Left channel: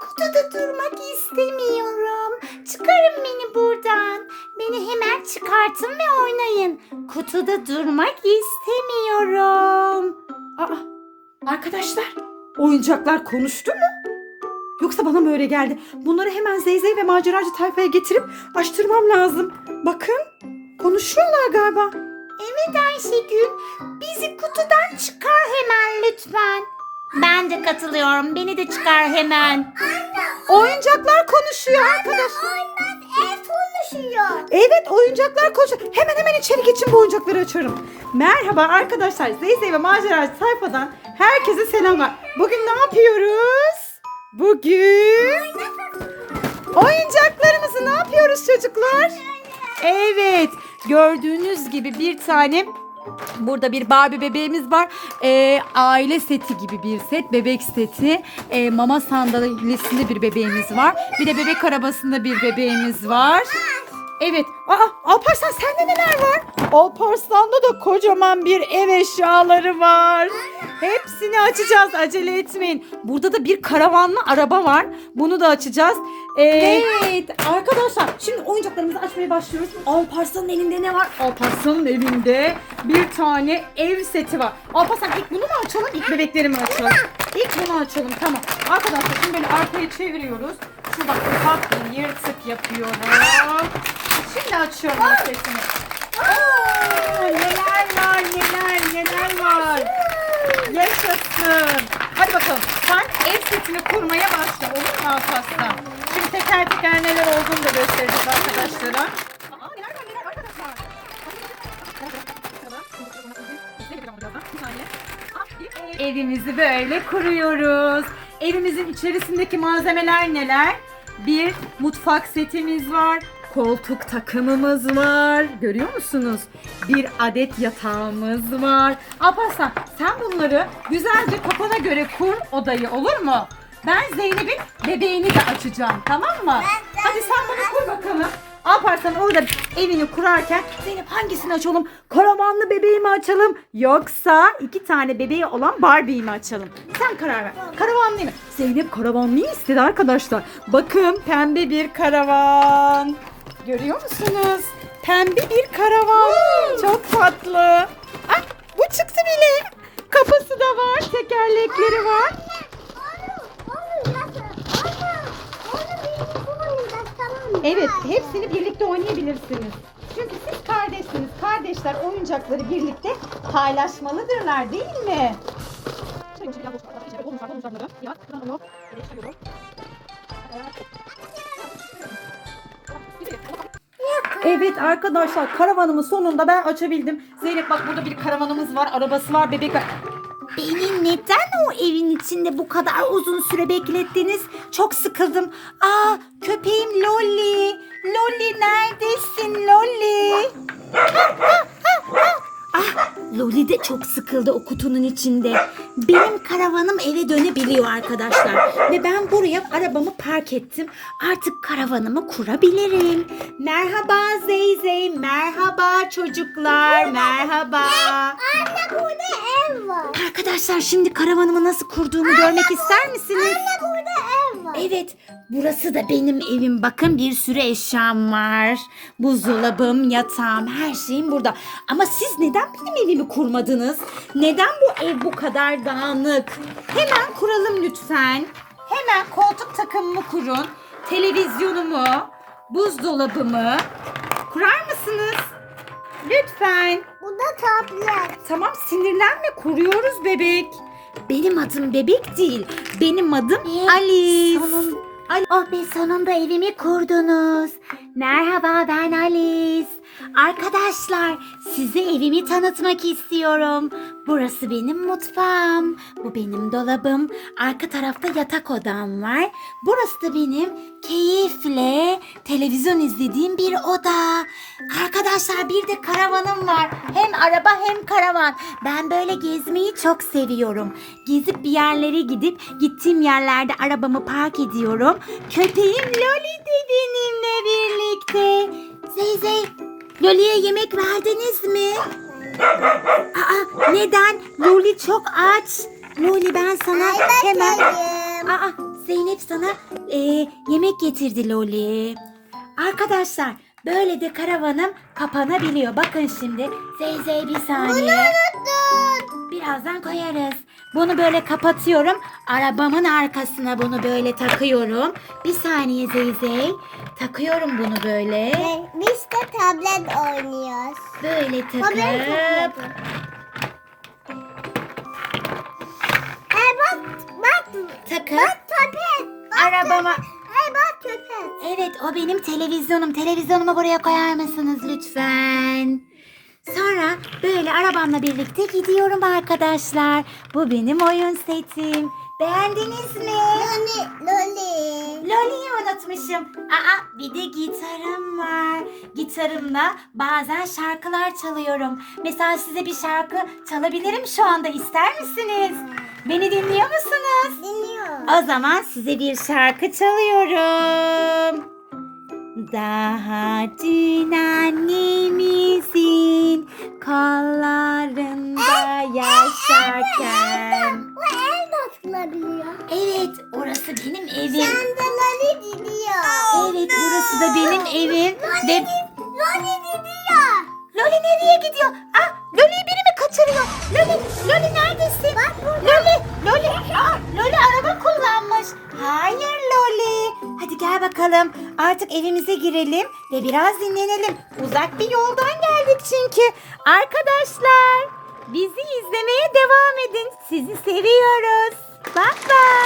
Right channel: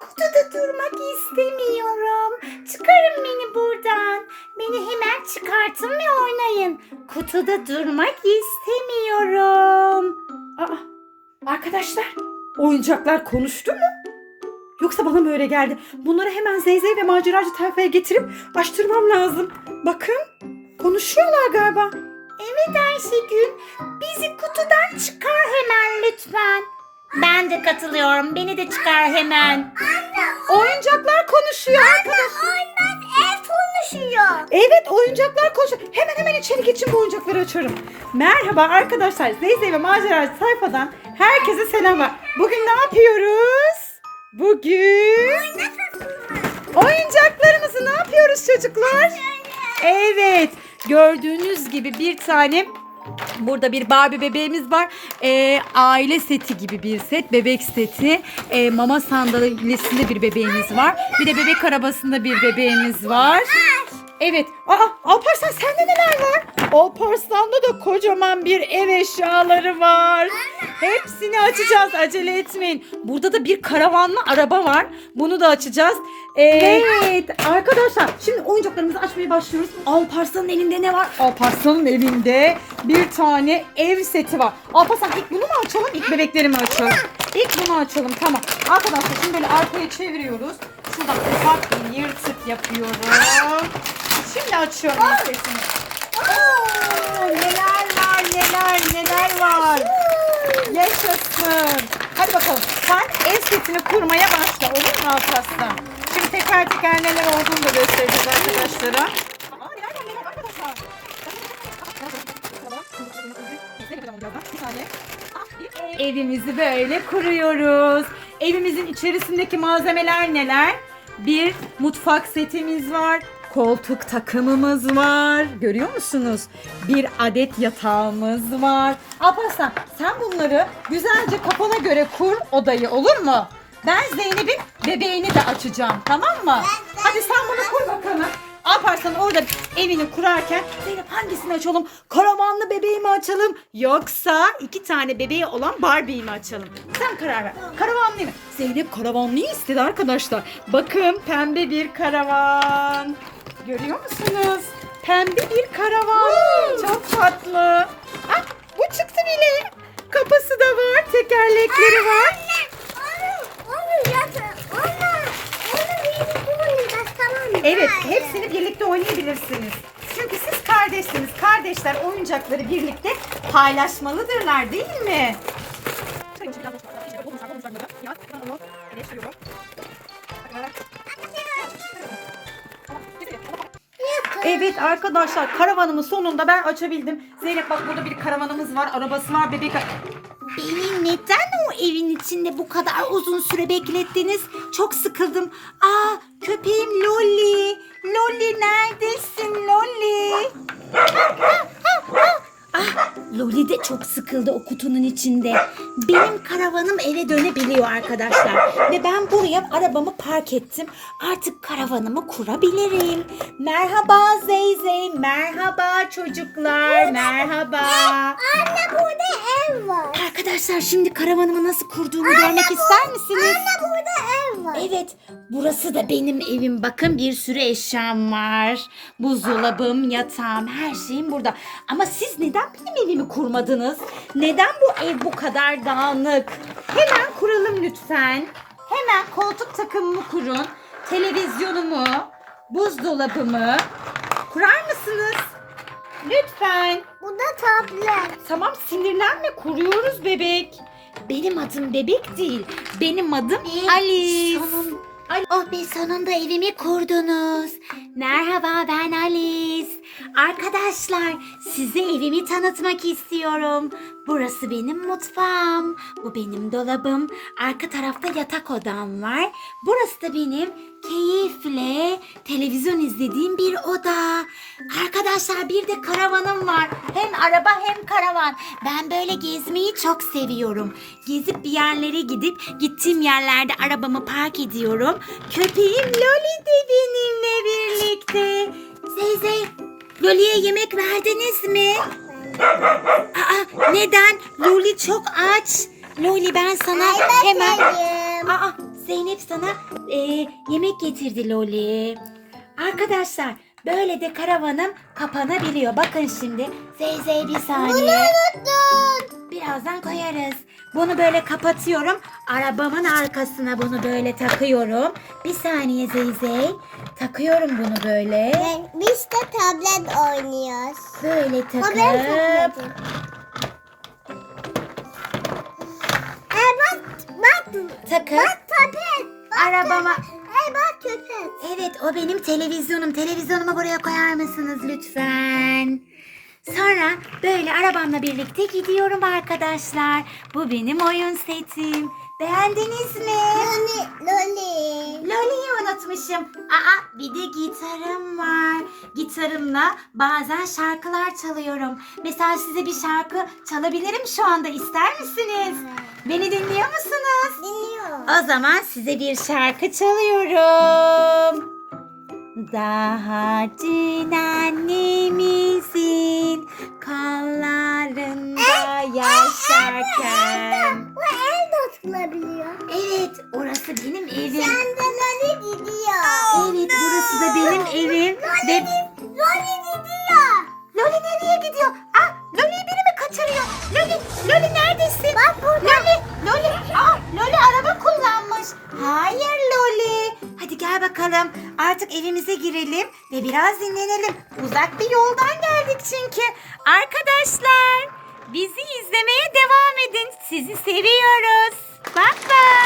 Kutuda durmak istemiyorum. Çıkarın beni buradan. Beni hemen çıkartın ve oynayın. Kutuda durmak istemiyorum. Aa, arkadaşlar oyuncaklar konuştu mu? Yoksa bana mı öyle geldi? Bunları hemen Zeyzey ve maceracı tayfaya getirip açtırmam lazım. Bakın konuşuyorlar galiba. Evet Ayşegül, bizi kutudan çıkar hemen lütfen. Ben de katılıyorum. Beni de çıkar hemen. Oyuncaklar konuşuyor arkadaşlar. Olmaz, ev konuşuyor. Evet oyuncaklar konuşuyor. Hemen hemen içeri geçin bu oyuncakları açarım. Merhaba arkadaşlar. Zeyzey ve maceracı sayfadan herkese selamlar. Bugün ne yapıyoruz? Bugün oyuncaklarımızı ne yapıyoruz çocuklar? Evet gördüğünüz gibi bir tane Burada bir Barbie bebeğimiz var. Ee, aile seti gibi bir set. Bebek seti. Ee, mama sandalyesinde bir bebeğimiz var. Bir de bebek arabasında bir bebeğimiz var. Evet. Aa Alparslan sende neler var? Alparslan'da da kocaman bir ev eşyaları var. Hepsini açacağız. Acele etmeyin. Burada da bir karavanlı araba var. Bunu da açacağız. Evet. Arkadaşlar şimdi oyuncaklarımızı açmaya başlıyoruz. Alparslan'ın elinde ne var? Alparslan'ın evinde bir tane ev seti var. Alparslan ilk bunu mu açalım? İlk bebekleri mi açalım? İlk bunu açalım. Tamam. Arkadaşlar şimdi böyle arkaya çeviriyoruz. Şuradan ufak bir yırtık yapıyorum. Şimdi açıyorum setini. Aa, neler var neler neler var. Yaşasın. Hadi bakalım. Sen ev setini kurmaya başla. Olur mu Alparslan? Şimdi teker teker neler olduğunu da göstereceğiz arkadaşlara. Evimizi böyle kuruyoruz. Evimizin içerisindeki malzemeler neler? Bir mutfak setimiz var. Koltuk takımımız var. Görüyor musunuz? Bir adet yatağımız var. Alparslan sen bunları güzelce kafana göre kur odayı olur mu? Ben Zeynep'in bebeğini de açacağım tamam mı? Hadi sen bunu kur bakalım. Alparslan orada evini kurarken Zeynep hangisini açalım? Karavanlı bebeği mi açalım? Yoksa iki tane bebeği olan Barbie'yi mi açalım? Sen karar ver. Karavanlı mı? Zeynep karavanlıyı istedi arkadaşlar. Bakın pembe bir karavan. Görüyor musunuz? Pembe bir karavan. Çok tatlı. Ah, bu çıktı bile. Kapısı da var, tekerlekleri var. Evet, hepsini birlikte oynayabilirsiniz. Çünkü siz kardeşsiniz. Kardeşler oyuncakları birlikte paylaşmalıdırlar değil mi? Evet arkadaşlar karavanımın sonunda ben açabildim. Zeynep bak burada bir karavanımız var, arabası var, bebek Beni neden o evin içinde bu kadar uzun süre beklettiniz? Çok sıkıldım. Aa köpeğim Lolly. Lolly neredesin Lolly? Ah, Lolly de çok sıkıldı o kutunun içinde. Benim karavanım eve dönebiliyor arkadaşlar. Ve ben buraya arabamı park ettim. Artık karavanımı kurabilirim. Merhaba Zeyzey. Merhaba çocuklar. Merhaba. Anne burada ev var. Arkadaşlar şimdi karavanımı nasıl kurduğumu görmek ister misiniz? Anne burada ev var. Evet, burası da benim evim. Bakın bir sürü eşyam var. Buzdolabım, yatağım, her şeyim burada. Ama siz neden benim evimi kurmadınız? Neden bu ev bu kadar dağınık? Hemen kuralım lütfen. Hemen koltuk takımımı kurun. Televizyonumu, buzdolabımı kurar mısınız? Lütfen. Bu da tablet. Tamam sinirlenme kuruyoruz bebek. Benim adım bebek değil. Benim adım Alice. Ali. Oh be sonunda evimi kurdunuz. Merhaba ben Alice. Arkadaşlar size evimi tanıtmak istiyorum. Burası benim mutfağım. Bu benim dolabım. Arka tarafta yatak odam var. Burası da benim keyifle televizyon izlediğim bir oda. Arkadaşlar bir de karavanım var. Hem araba hem karavan. Ben böyle gezmeyi çok seviyorum. Gezip bir yerlere gidip gittiğim yerlerde arabamı park ediyorum. Köpeğim Loli de benimle birlikte. Zeyzey, Loli'ye yemek verdiniz mi? Aa, neden? Loli çok aç. Loli ben sana hemen... Aa, Zeynep sana e, yemek getirdi Loli. Arkadaşlar böyle de karavanım kapanabiliyor. Bakın şimdi. Zeyzey bir saniye. Birazdan koyarız. Bunu böyle kapatıyorum. Arabamın arkasına bunu böyle takıyorum. Bir saniye Zeyzey. Takıyorum bunu böyle. Ben, biz de tablet oynuyoruz. Böyle takıp tabletim. Ay bak, bak, takıp bak tablet. Bak Arabama-. Ay bak köpek. Evet o benim televizyonum. Televizyonumu buraya koyar mısınız lütfen? Sonra böyle arabamla birlikte gidiyorum arkadaşlar. Bu benim oyun setim. Beğendiniz mi? Loli, Loli. Loli'yi unutmuşum. Aa bir de gitarım var. Gitarımla bazen şarkılar çalıyorum. Mesela size bir şarkı çalabilirim şu anda ister misiniz? Beni dinliyor musunuz? Dinliyor. O zaman size bir şarkı çalıyorum. Daha dün annemizin benim. Sen de Loli gidiyor. Evet, burası da benim evim. Ve Loli gidiyor. Loli nereye gidiyor? Ah, Loli'yi biri mi kaçırıyor? Loli, Loli neredesin? Loli, Loli, ah, Loli araba kullanmış. Hayır Loli. Hadi gel bakalım. Artık evimize girelim ve biraz dinlenelim. Uzak bir yoldan geldik çünkü. Arkadaşlar, bizi izlemeye devam edin. Sizi seviyoruz. Bye bye.